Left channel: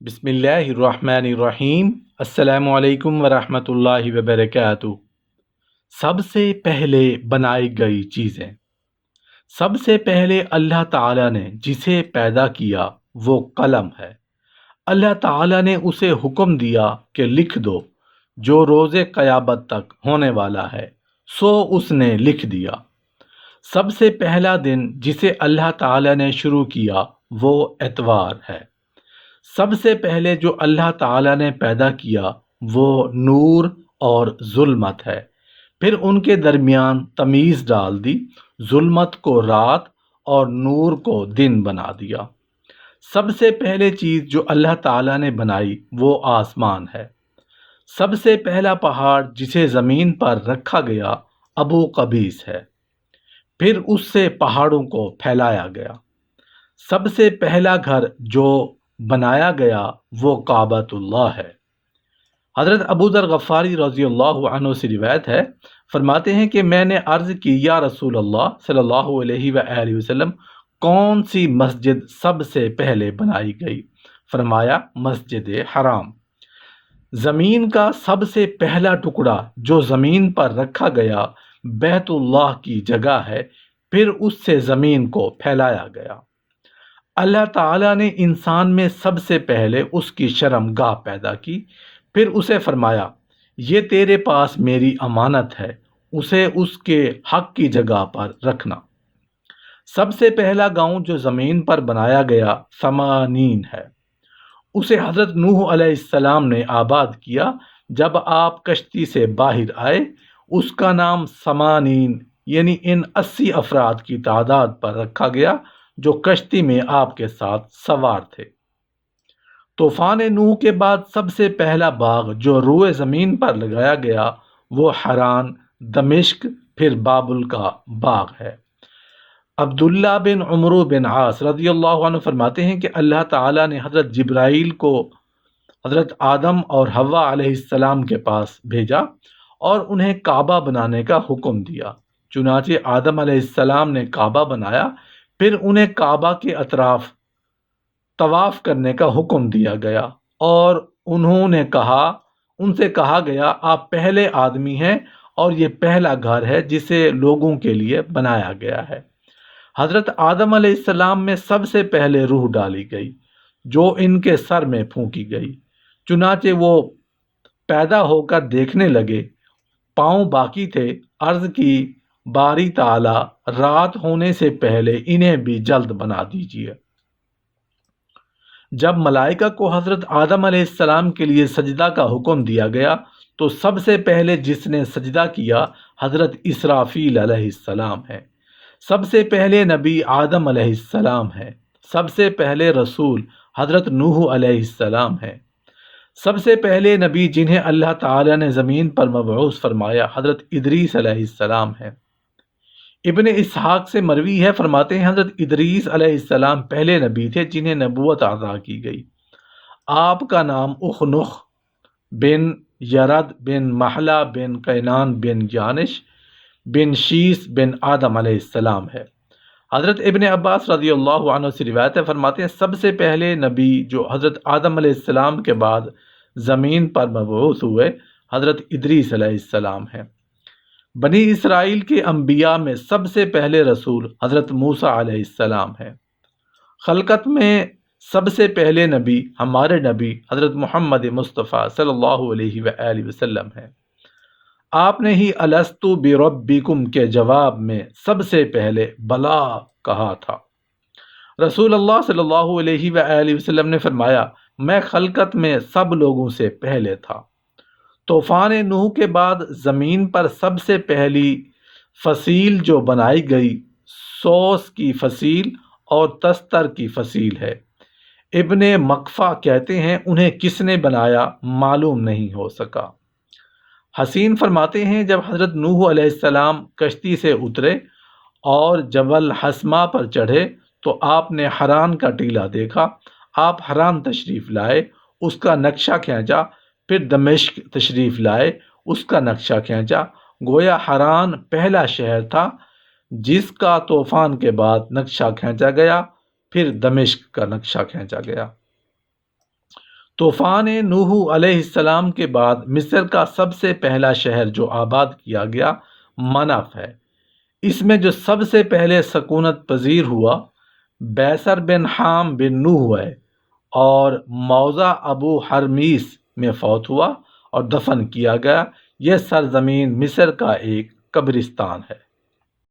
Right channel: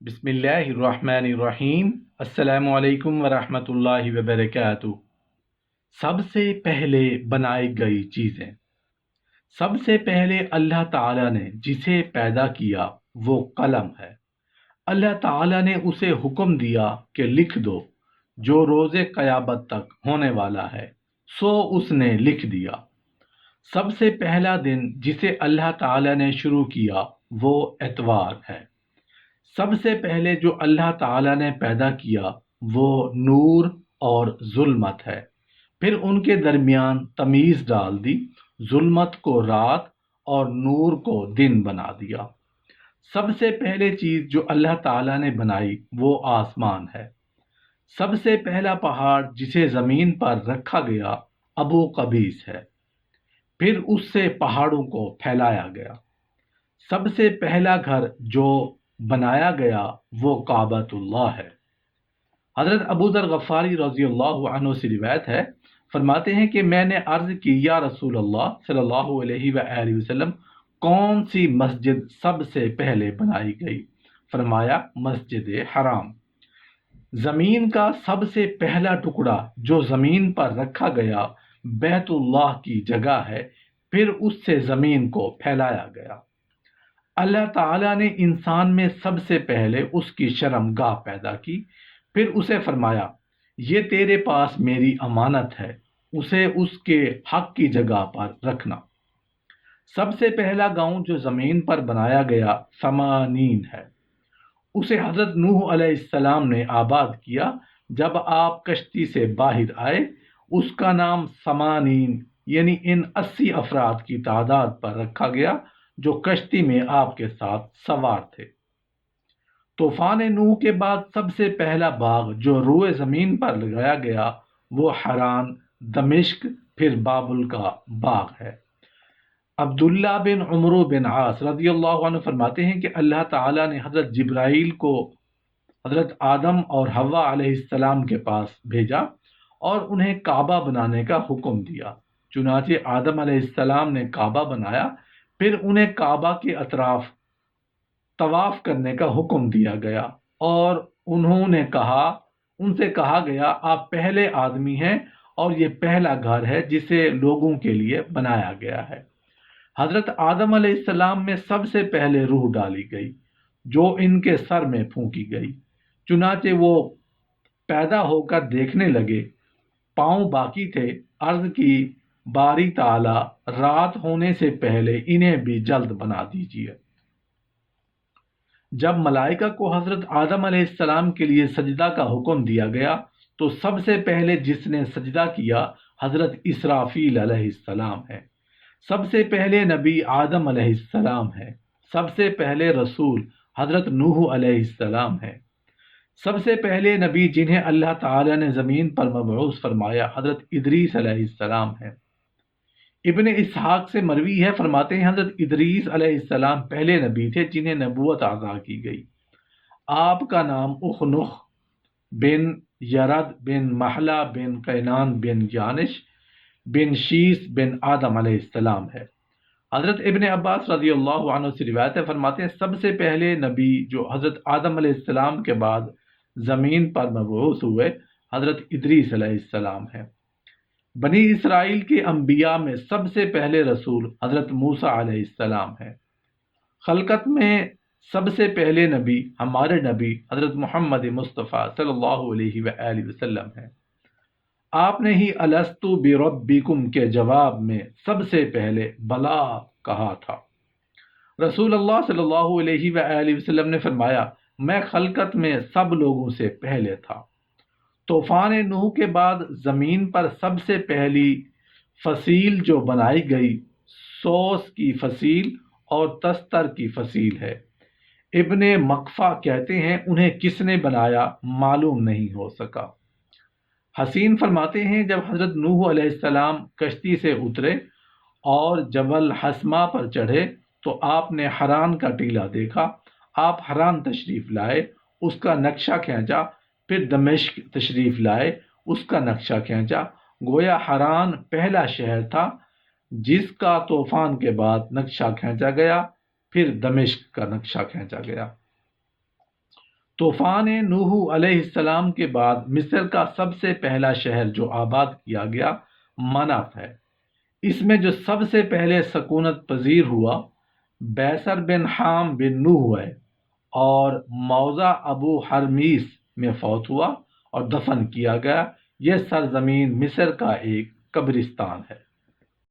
بسم اللہ الرحمن الرحیم۔ السلام علیکم ورحمۃ اللہ وبرکاتہ۔ سب سے پہلے بنائی گئی چیزیں۔ سب سے پہلے اللہ تعالیٰ نے جسے پیدا کیا وہ قلم ہے۔ اللہ تعالیٰ نے اسے حکم دیا کہ لکھ دو جو روز قیامت تک ہونے والا ہے، سو اس نے لکھ دیا۔ سب سے پہلا دن جسے اللہ تعالیٰ نے شروع کیا وہ اتوار ہے۔ سب سے پہلے جو اللہ تعالیٰ نے پیدا کیا وہ نور اور ظلمت ہے، پھر ان کے درمیان تمیز ڈال دی، ظلمت کو رات اور نور کو دن بنا دیا۔ سب سے پہلے چیز جو اللہ تعالیٰ نے بنائی وہ آسمان ہے۔ سب سے پہلا پہاڑ جسے زمین پر رکھا گیا ابو قبیس ہے، پھر اس سے پہاڑوں کو پھیلایا گیا۔ سب سے پہلا گھر جو بنایا گیا وہ کعبۃ اللہ ہے۔ حضرت ابو ذر غفاری رضی اللہ عنہ سے روایت ہے، فرماتے ہیں کہ میں نے عرض کی یا رسول اللہ صلی اللہ علیہ وآلہ وسلم، کون سی مسجد سب سے پہلے بنائی گئی؟ فرمایا مسجد حرام۔ زمین کا سب سے پہلا ٹکڑا جو زمین پر رکھا گیا بیت اللہ کی جگہ ہے، پھر اس سے زمین کو پھیلایا گیا۔ اللہ تعالیٰ نے انسان میں سب سے پہلے اس کی شرم گاہ پیدا کی، پھر اسے فرمایا یہ تیرے پاس میری امانت ہے، اسے اس کے حق کی جگہ پر رکھنا۔ سب سے پہلا گاؤں جو زمین پر بنایا گیا سمانین ہے، اسے حضرت نوح علیہ السلام نے آباد کیا۔ جب آپ کشتی سے باہر آئے اس کا نام سمانین یعنی ان 80 افراد کی تعداد پر رکھا گیا جو کشتی میں آپ کے ساتھ سوار تھے۔ طوفان نوح کے بعد سب سے پہلا باغ جو روئے زمین پر لگایا گیا وہ حران، دمشق، پھر بابل کا باغ ہے۔ عبداللہ بن عمرو بن عاص رضی اللہ عنہ فرماتے ہیں کہ اللہ تعالیٰ نے حضرت جبرائیل کو حضرت آدم اور حوا علیہ السلام کے پاس بھیجا اور انہیں کعبہ بنانے کا حکم دیا۔ چنانچہ آدم علیہ السلام نے کعبہ بنایا، پھر انہیں کعبہ کے اطراف طواف کرنے کا حکم دیا گیا اور ان سے کہا گیا آپ پہلے آدمی ہیں اور یہ پہلا گھر ہے جسے لوگوں کے لیے بنایا گیا ہے۔ حضرت آدم علیہ السلام میں سب سے پہلے روح ڈالی گئی جو ان کے سر میں پھونکی گئی، چنانچہ وہ پیدا ہو کر دیکھنے لگے، پاؤں باقی تھے۔ عرض کی باری تعالی رات ہونے سے پہلے انہیں بھی جلد بنا دیجیے۔ جب ملائکہ کو حضرت آدم علیہ السلام کے لیے سجدہ کا حکم دیا گیا تو سب سے پہلے جس نے سجدہ کیا حضرت اسرافیل علیہ السلام ہے۔ سب سے پہلے نبی آدم علیہ السلام ہے۔ سب سے پہلے رسول حضرت نوح علیہ السلام ہے۔ سب سے پہلے نبی جنہیں اللہ تعالیٰ نے زمین پر مبعوث فرمایا حضرت ادریس علیہ السلام ہے۔ ابن اسحاق سے مروی ہے، فرماتے ہیں حضرت ادریس علیہ السلام پہلے نبی تھے جنہیں نبوت عطا کی گئی۔ آپ کا نام اخنخ بن یرد بن محلہ بن قینان بن جانش بن شیس بن آدم علیہ السلام ہے۔ حضرت ابن عباس رضی اللہ عنہ سے روایت ہے، فرماتے ہیں سب سے پہلے نبی جو حضرت آدم علیہ السلام کے بعد زمین پر مبعوث ہوئے حضرت ادریس علیہ السلام ہے۔ بنی اسرائیل کے انبیاء میں سب سے پہلے رسول حضرت موسیٰ علیہ السلام ہے۔ خلقت میں سب سے پہلے نبی ہمارے نبی حضرت محمد مصطفیٰ صلی اللہ علیہ وآلہ وسلم ہے۔ آپ نے ہی الستو بربکم کے جواب میں سب سے پہلے بلا کہا تھا۔ رسول اللہ صلی اللہ علیہ وآلہ وسلم نے فرمایا میں خلقت میں سب لوگوں سے پہلے تھا۔ طوفان نوح کے بعد زمین پر سب سے پہلی فصیل جو بنائی گئی سوس کی فصیل اور تستر کی فصیل ہے۔ ابن مقفع کہتے ہیں انہیں کس نے بنایا معلوم نہیں ہو سکا۔ حسین فرماتے ہیں جب حضرت نوح علیہ السلام کشتی سے اترے اور جبل حسما پر چڑھے تو آپ نے حران کا ٹیلہ دیکھا۔ آپ حران تشریف لائے، اس کا نقشہ کھینچا، پھر دمشق تشریف لائے، اس کا نقشہ کھینچا۔ گویا حران پہلا شہر تھا جس کا طوفان کے بعد نقشہ کھینچا گیا، پھر دمشق کا نقشہ کھینچا گیا۔ طوفان نوح علیہ السلام کے بعد مصر کا سب سے پہلا شہر جو آباد کیا گیا منف ہے۔ اس میں جو سب سے پہلے سکونت پذیر ہوا بیسر بن حام بن نوح ہے، اور موضع ابو حرمیس میں فوت ہوا اور دفن کیا گیا۔ یہ سرزمین مصر کا ایک قبرستان ہے۔